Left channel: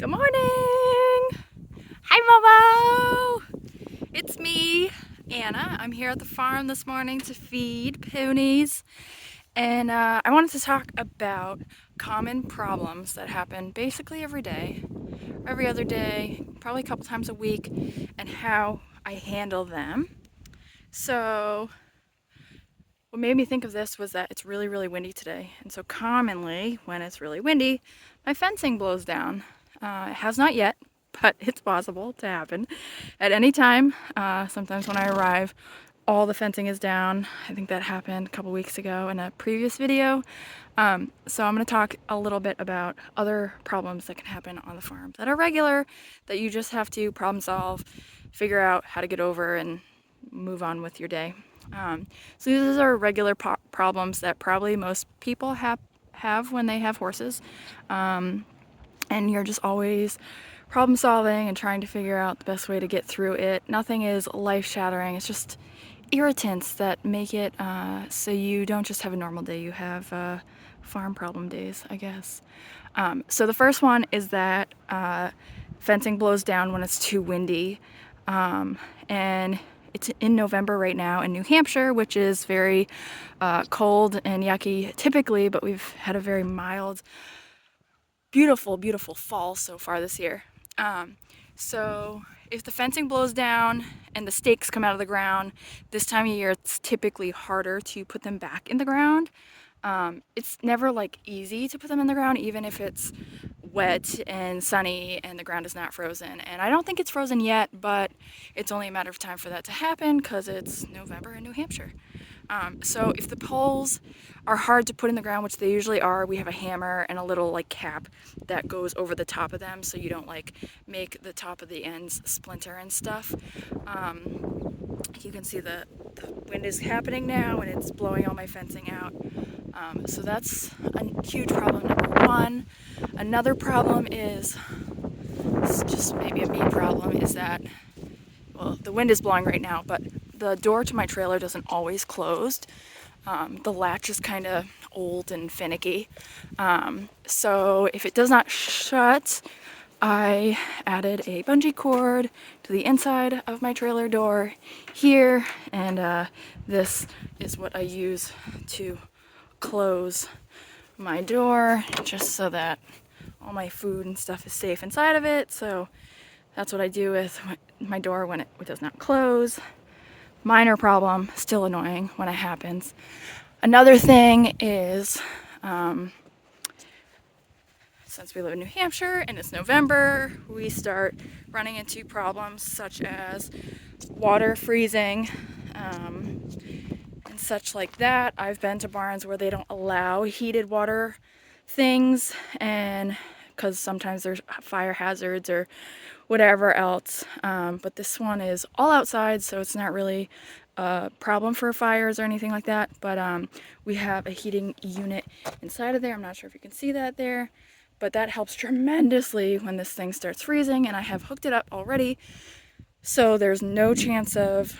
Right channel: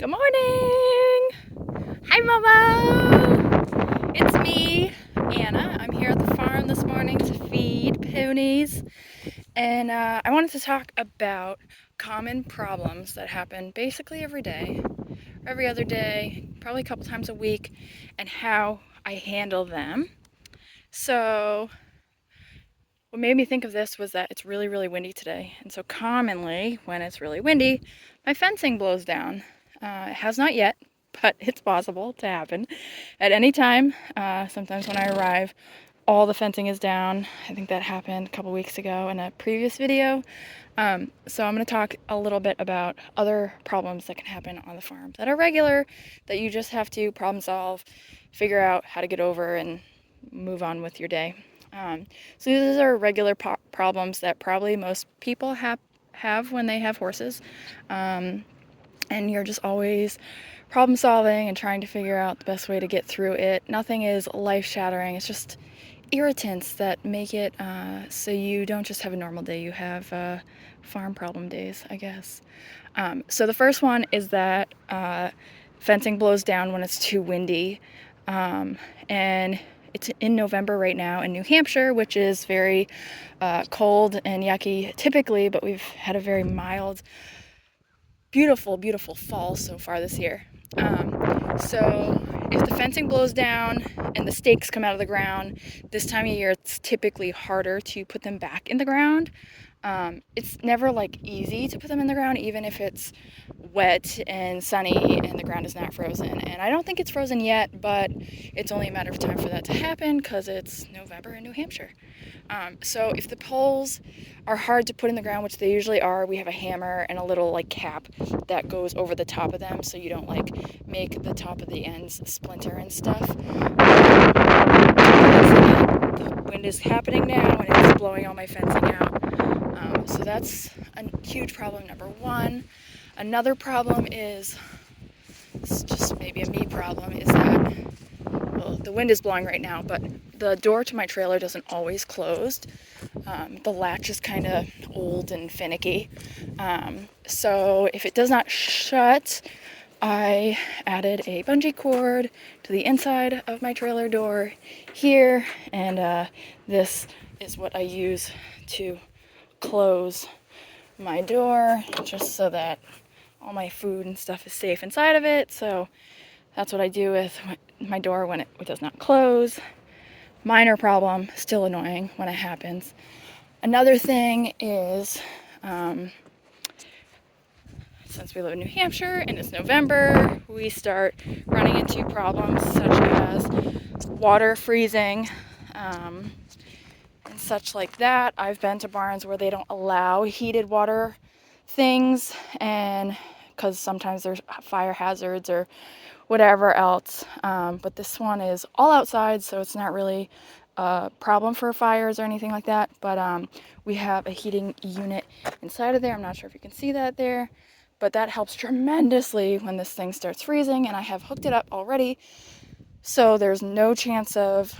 Good morning! Hi, Mama! It's me, Anna. I'm here at the farm this morning to feed ponies. And I wanted to talk about common problems that happen basically every day, every other day, probably a couple times a week, and how I handle them. So, what made me think of this was that it's really, really windy today. And so, commonly, when it's really windy, my fencing blows down. It has not yet, but it's possible to happen at any time. Sometimes when I arrive, all the fencing is down. I think that happened a couple weeks ago in a previous video. So I'm going to talk a little bit about other problems that can happen on the farm that are regular, that you just have to problem solve, figure out how to get over, and move on with your day. So these are regular problems that probably most people have when they have horses. And you're just always problem solving and trying to figure out the best way to get through it. Nothing is life shattering. It's just irritants that make it so you don't just have a normal day. You have farm problem days, I guess. So the first one is that fencing blows down when it's too windy. And it's in November right now in New Hampshire, which is very cold and yucky typically, but we've had a very mild, beautiful, beautiful fall so far this year. So if the fencing blows down and the stakes come out of the ground, this time of year it's typically harder to put them back in the ground. It's never like easy to put them in the ground, even if it's wet and sunny and the ground is not frozen. And I don't think it's frozen yet, but it's only a matter of time for that to happen because it's November in New Hampshire. So if the poles are hard to put in the ground, which they usually are, we have a hammer and a little like cap that goes over the top of them so you don't like make the top of the ends splinter and stuff. The wind is happening now and it's blowing all my fencing out. So that's a huge problem, number one. Another problem is, it's just maybe a me problem, is that, well, the wind is blowing right now, but the door to my trailer doesn't always close. The latch is kind of old and finicky. So if it does not shut, I added a bungee cord to the inside of my trailer door here, and this is what I use to close my door, just so that all my food and stuff is safe inside of it. So that's what I do with my door when it does not close. Minor problem, still annoying when it happens. Another thing is, since we live in New Hampshire and it's November, we start running into problems such as water freezing and such like that. I've been to barns where they don't allow heated water things, and because sometimes there's fire hazards or whatever else, but this one is all outside, so it's not really a problem for fires or anything like that. But we have a heating unit inside of there. I'm not sure if you can see that there, but that helps tremendously when this thing starts freezing, and I have hooked it up already, so there's no chance of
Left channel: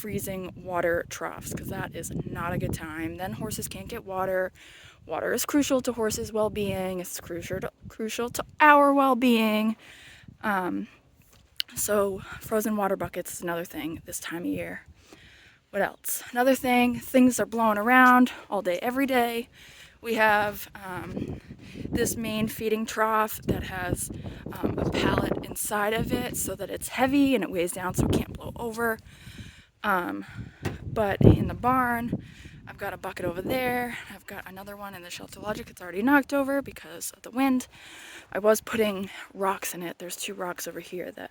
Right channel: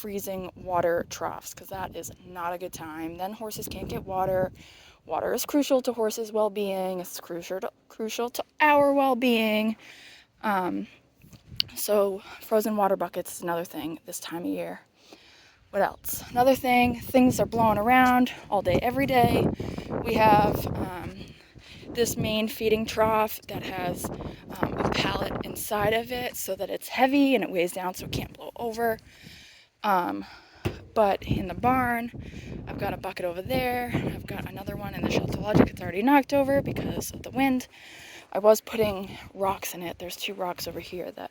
freezing water troughs, because that is not a good time. Then horses can't get water. Water is crucial to horses' well-being. It's crucial to our well-being. So frozen water buckets is another thing this time of year. What else? Another thing, things are blowing around all day, every day. We have this main feeding trough that has a pallet inside of it so that it's heavy and it weighs down so it can't blow over. But in the barn, I've got a bucket over there. I've got another one in the shelter logic. It's already knocked over because of the wind. I was putting rocks in it. There's 2 rocks over here that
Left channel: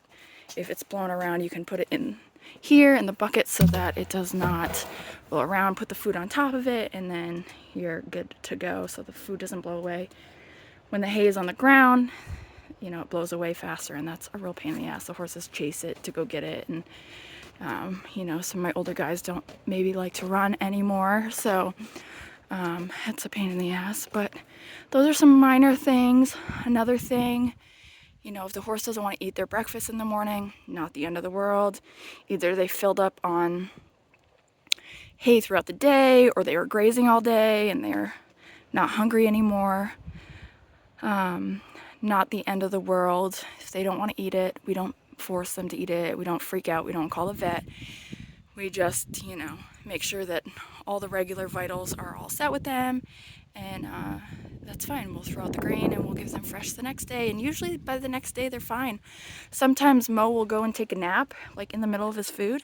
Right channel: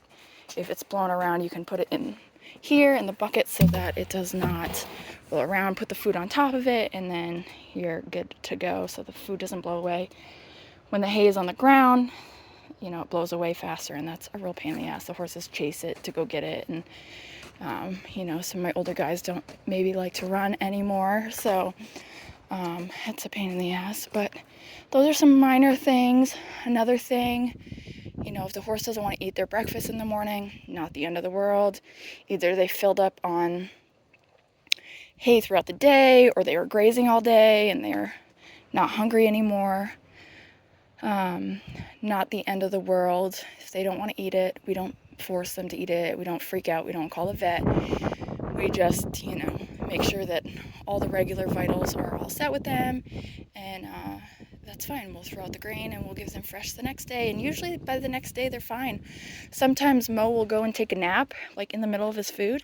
if it's blown around, you can put it in here in the bucket so that it does not blow around. Put the food on top of it, and then you're good to go so the food doesn't blow away. When the hay is on the ground, you know, it blows away faster, and that's a real pain in the ass. The horses chase it to go get it, and you know, some of my older guys don't maybe like to run anymore, so it's a pain in the ass. But those are some minor things. Another thing, you know, if the horse doesn't want to eat their breakfast in the morning, not the end of the world. Either they filled up on hay throughout the day, or they were grazing all day and they're not hungry anymore. Not the end of the world. If they don't want to eat it, we don't force them to eat it. We don't freak out. We don't call the vet. We just, make sure that all the regular vitals are all set with them, and that's fine. We'll throw out the grain and we'll give them fresh the next day, and usually by the next day they're fine. Sometimes Mo will go and take a nap, like in the middle of his food,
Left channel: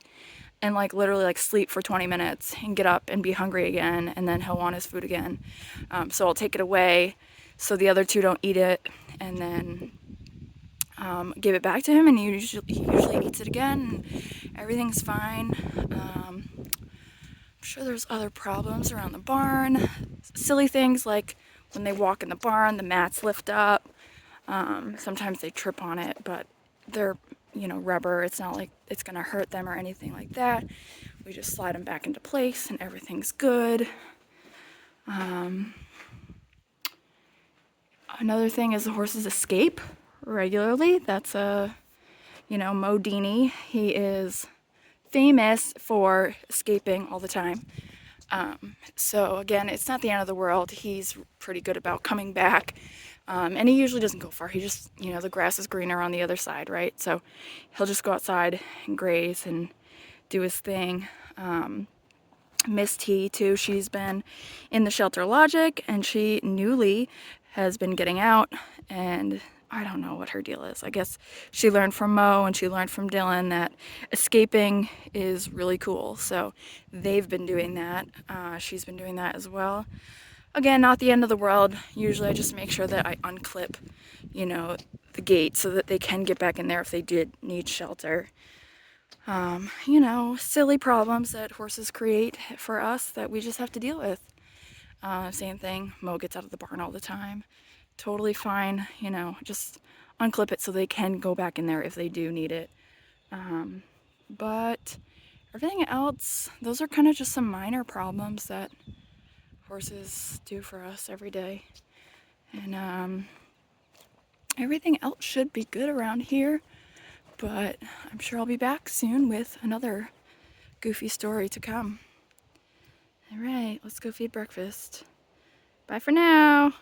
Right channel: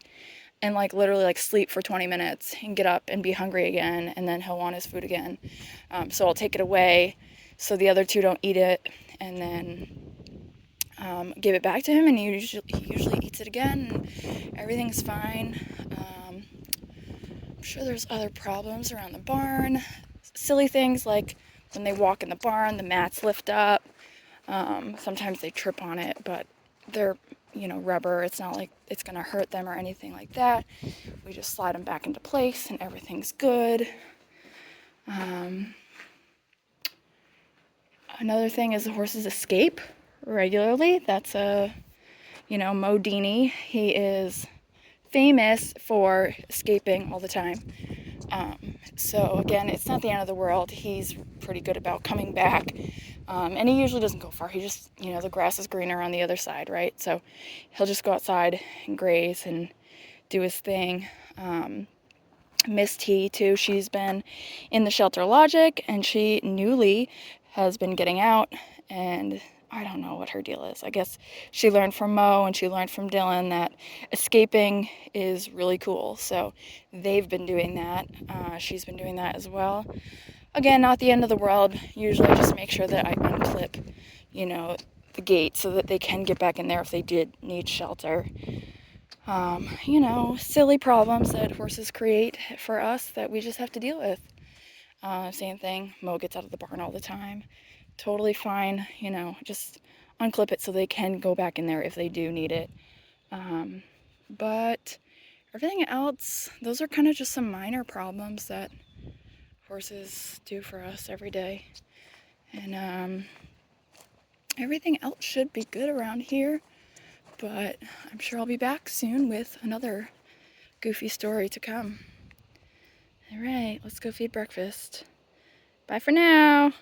and like literally like sleep for 20 minutes and get up and be hungry again, and then he'll want his food again. So I'll take it away so the other two don't eat it, and then give it back to him, and he usually eats it again. Everything's fine. I'm sure there's other problems around the barn. Silly things like when they walk in the barn, the mats lift up. Sometimes they trip on it, but they're, rubber. It's not like it's gonna hurt them or anything like that. We just slide them back into place and everything's good. Another thing is the horses escape regularly. That's Mo Dini. He is famous for escaping all the time. So again, it's not the end of the world. He's pretty good about coming back. And he usually doesn't go far. He just, the grass is greener on the other side, right? So he'll just go outside and graze and do his thing. Miss T, too, she's been in the shelter Logic, and she newly has been getting out, and I don't know what her deal is. I guess she learned from Mo and she learned from Dylan that escaping is really cool. So they've been doing that. She's been doing that as well. Again, not the end of the world. Usually I just make sure that I unclip, the gate so that they can get back in there if they did need shelter. Silly problems that horses create for us that we just have to deal with. Same thing, Mo gets out of the barn all the time. Totally fine, just unclip it so they can go back in there if they do need it. But everything else, those are kind of just some minor problems that horses do for us every day. And everything else should be good around here, but I'm sure I'll be back soon with another goofy story to come. All right, let's go feed breakfast. Bye for now.